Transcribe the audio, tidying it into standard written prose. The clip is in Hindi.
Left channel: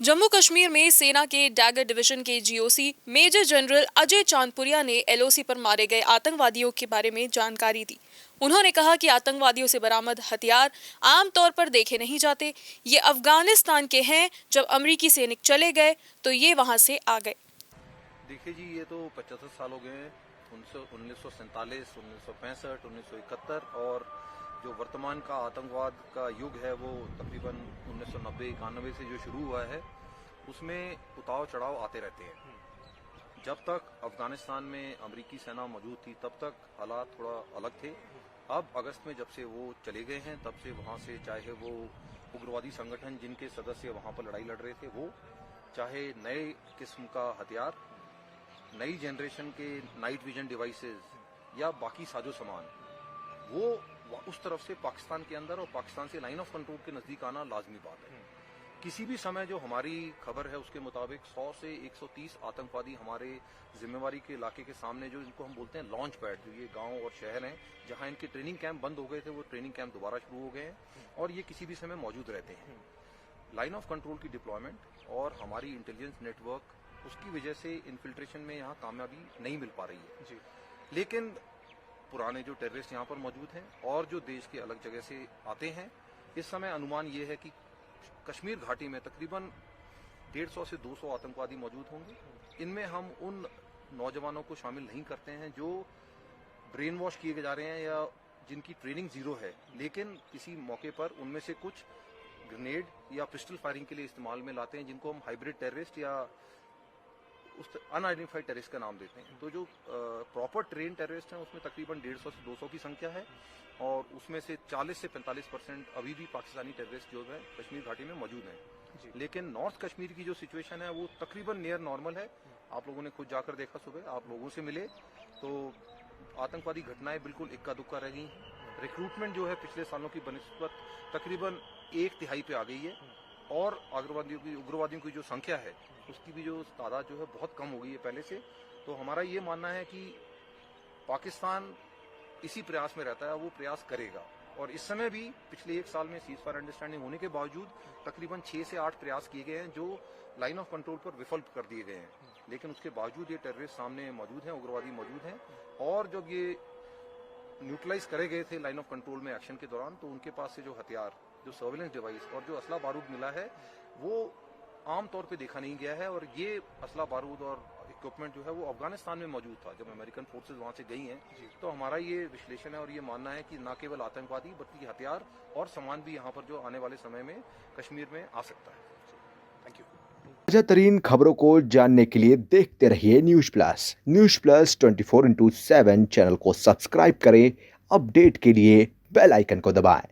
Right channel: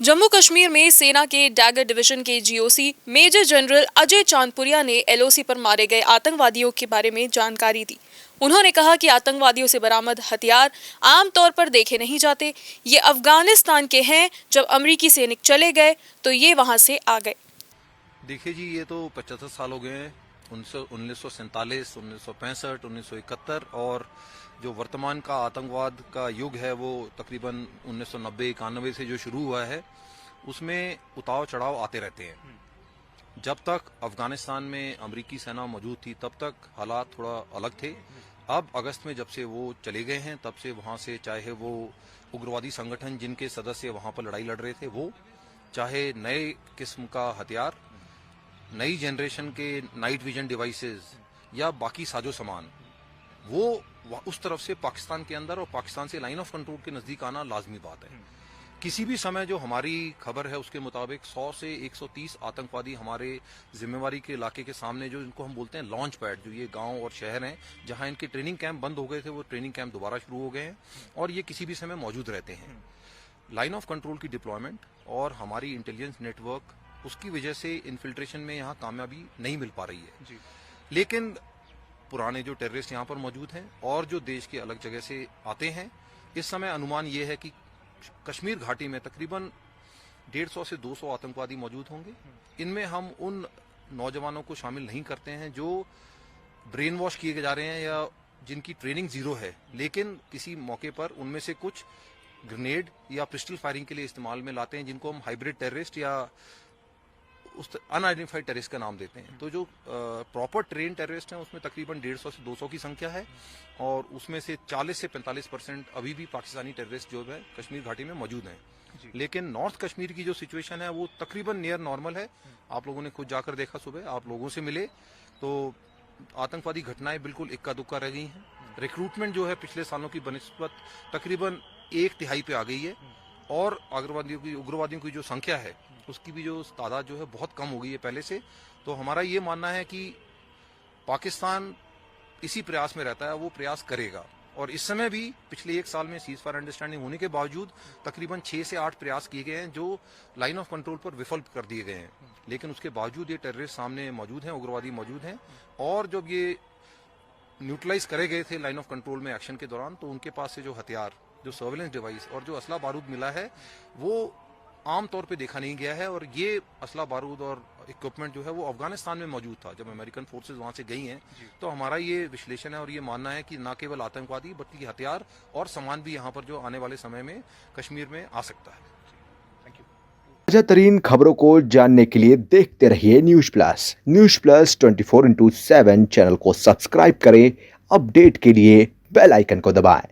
जम्मू कश्मीर में सेना के डैगर डिवीजन के जीओसी मेजर जनरल अजय चांदपुरिया ने एलओसी पर मारे गए आतंकवादियों के बारे में जानकारी दी। उन्होंने कहा कि आतंकवादियों से बरामद हथियार आमतौर पर देखे नहीं जाते। ये अफगानिस्तान के हैं। जब अमेरिकी सैनिक चले गए तो ये वहां से आ गए। देखिए जी, ये तो 75 साल हो गए हैं। 1947, 1965, 1971 और जो वर्तमान का आतंकवाद का युग है वो तकरीबन 1990-91 से जो शुरू हुआ है उसमें उतार चढ़ाव आते रहते हैं। जब तक अफगानिस्तान में अमेरिकी सेना मौजूद थी तब तक हालात थोड़ा अलग थे। अब अगस्त में जब से वो चले गए हैं तब से वहाँ से चाहे वो उग्रवादी संगठन जिनके सदस्य वहाँ पर लड़ाई लड़ रहे थे वो, चाहे नए किस्म का हथियार, नई जनरेशन के नाइट विजन डिवाइसेस या बाकी साजो सामान, वो उस तरफ से पाकिस्तान के अंदर और पाकिस्तान से लाइन ऑफ कंट्रोल के नजदीक आना लाजमी बात है। किसी भी समय जो हमारी खबर है उसके मुताबिक 100 से 130 आतंकवादी हमारे जिम्मेवारी के इलाके के सामने, जो इनको हम बोलते हैं लॉन्च पैड, जो ये गांव और शहर हैं जहां इनके ट्रेनिंग कैंप बंद हो गए थे, वो ट्रेनिंग कैंप दोबारा शुरू हो गए हैं और ये किसी भी समय मौजूद रहते हैं। लाइन ऑफ कंट्रोल की डिप्लॉयमेंट और हमारी इंटेलिजेंस नेटवर्क, उसकी वजह से इन्फिल्ट्रेशन में यहाँ कामयाबी नहीं मिल पा रही है जी। लेकिन पुराने जो टेररिस्ट यहाँ पर मौजूद हैं और जो देश के अलग जगह से आते हैं, इस समय अनुमान ये है कि कश्मीर घाटी में तकरीबन 150 से 200 आतंकवादी मौजूद होंगे। इनमें हम उन नौजवानों को शामिल नहीं करते हैं जो ब्रेन वॉश किए जा रहे हैं या जिनकी ट्रेनिंग जीरो है, लेकिन किसी मौके पर उनमें से कुछ ग्रेनेड या पिस्टल फायरिंग के लिए इस्तेमाल में लाते हैं, जिनको हम हाइब्रिड टेररिस्ट या उस अनआइडेंटिफाइड टेररिस्ट का नाम देते हैं। तो जो प्रॉपर ट्रेन टेररिस्ट हैं उसमें तकरीबन 150 से 200 की संख्या है और उसमें से 40 से 45% अभी भी पाकिस्तानी टेररिस्ट जो है कश्मीर घाटी में मौजूद हैं। लेकिन नॉर्थ कश्मीर की जो सिचुएशन है वो तकरीबन नियर नॉर्मल है। आप लोगों ने खुद जाकर देखा, सुबह आप लोगों से मिले तो आतंकवादी घटनाएं बिल्कुल इक्का दुक्का रह गई हैं। रिक्रूटमेंट जो है पिछले सालों की बनिस्बत तकरीबन 1/3 पे आ गई है और उग्रवादियों की जो संख्या है उसकी भी जो तादाद जो है बहुत कम हो गई है पहले से। तो हमारा ये मानना है कि पाकिस्तान इसी प्रयास में रहता है, वो प्रयास करेगा। और इस समय भी पिछले 1 साल में सीज फायर अंडरस्टैंडिंग होने के बावजूद तकरीबन 6 से 8 प्रयास किए गए हैं जो लाइन ऑफ कंट्रोल पर विफल कर दिए गए हैं। लेकिन उसके बावजूद ये टेररिस्ट सामने मौजूद हैं, उग्रवादी मौजूद हैं और जब ये न्यूट्रलाइज करे गए थे लाइन ऑफ कंट्रोल में एक्शन के दौरान, तो उनके पास से जो हथियार, जो सर्वेलेंस डिवाइस और जो असला बारूद मिला है वो आम तौर पे देखा नहीं गया है। और ये असला बारूद और इक्विपमेंट जो है वो अफगानिस्तान में मौजूद था जब अमेरिकन फोर्सेस वहां से गई हैं। तो हमारा ये विश्लेषण है और ये मानना है कि न केवल आतंकवादी बल्कि हथियार और सामान भी यहाँ पर जो आने वाले समय में कश्मीर में आ सकता है। ताजा तरीन खबरों को जानने के लिए देखते रहिए न्यूज़ प्लस 24/7 चैनल को सब्सक्राइब करें। अपडेट के लिए बेल आइकन को दबाएं।